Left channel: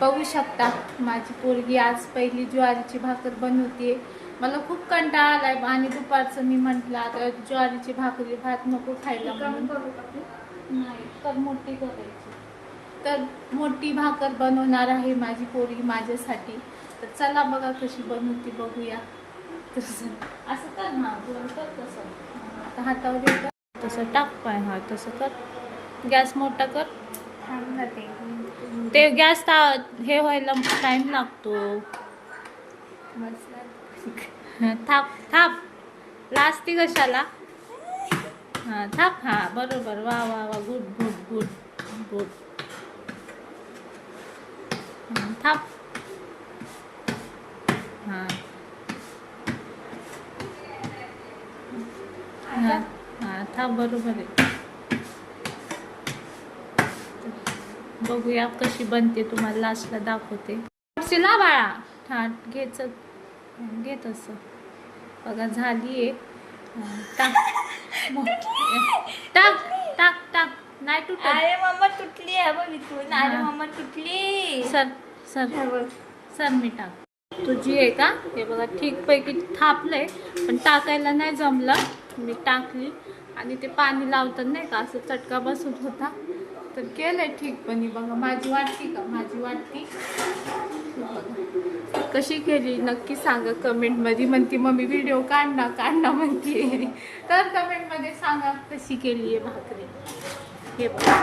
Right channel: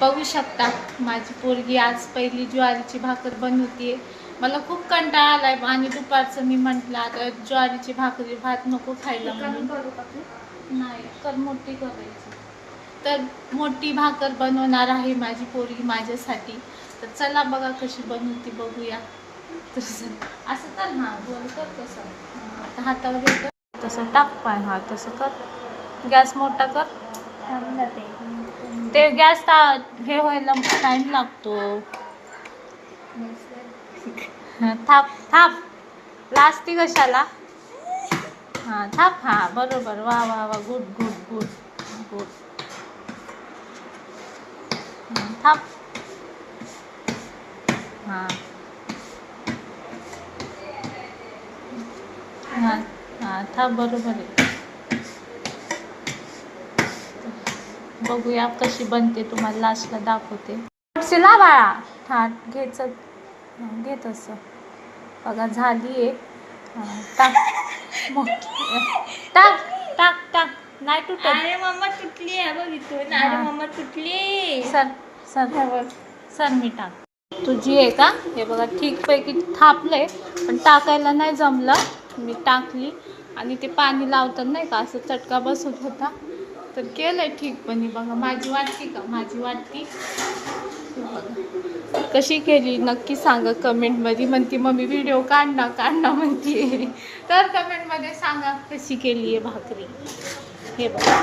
बघू शकता माझी पोरगी आज पहिली ज्वारीची भाकर बनवते. मला खूप कंटाळा आलाय आणि दुपारचं मी म्हटलं आता ज्वारीची भाकरी भात नको खायला म्हणून. नाही तर मोठी करायची, तर मोठी भाकर बनवणार आहे माझी पोरगी माझ्यासाठी. तर चला बघा कशी बनवते बघूया. तसं असं कर ना, गोल कर तसं. आता हातावर येतं तसं टाक पाय. हा तसं कर. गॅस मोठा कर. ते गॅस हे व्हायला टाइम लागतो. थाप थाप लाजती कशाला. हां थाप. हां बरोबर. वा वा वा. Good good good good. थाप. हां हां हां थाप. बरोबर आहे. बघूया कशी बनते, तुम्हाला लास्टला दाखवते. शिला बाळा थाट घ्यायचं. घे तसं. बघा झाली आहे. टाक टाक टाक टाक. नाही तुटत. अरे मम्मा तुटली आहे बघ इथून. अरे मम्मा तुटली. सर सर सर मी टाक. तुझी आहे का? हे बघा ठीकपैकी थापलंय, पण टाकायला नाही जमलं. मी टाकली आणि ते पाणी लावतात नाही का, असं चटका बसत होता, तर केलंय ठीकपणे. बघा माझी वाटती का? माझी वाटती. बघा कशी केली नक्की सांगा कमेंटमध्ये. म्हणती मम्मी व्हिडिओ काढ ना म्हणते. तर कमेंटमध्ये सांगा कशी केली आहे भाकरी. हे बघा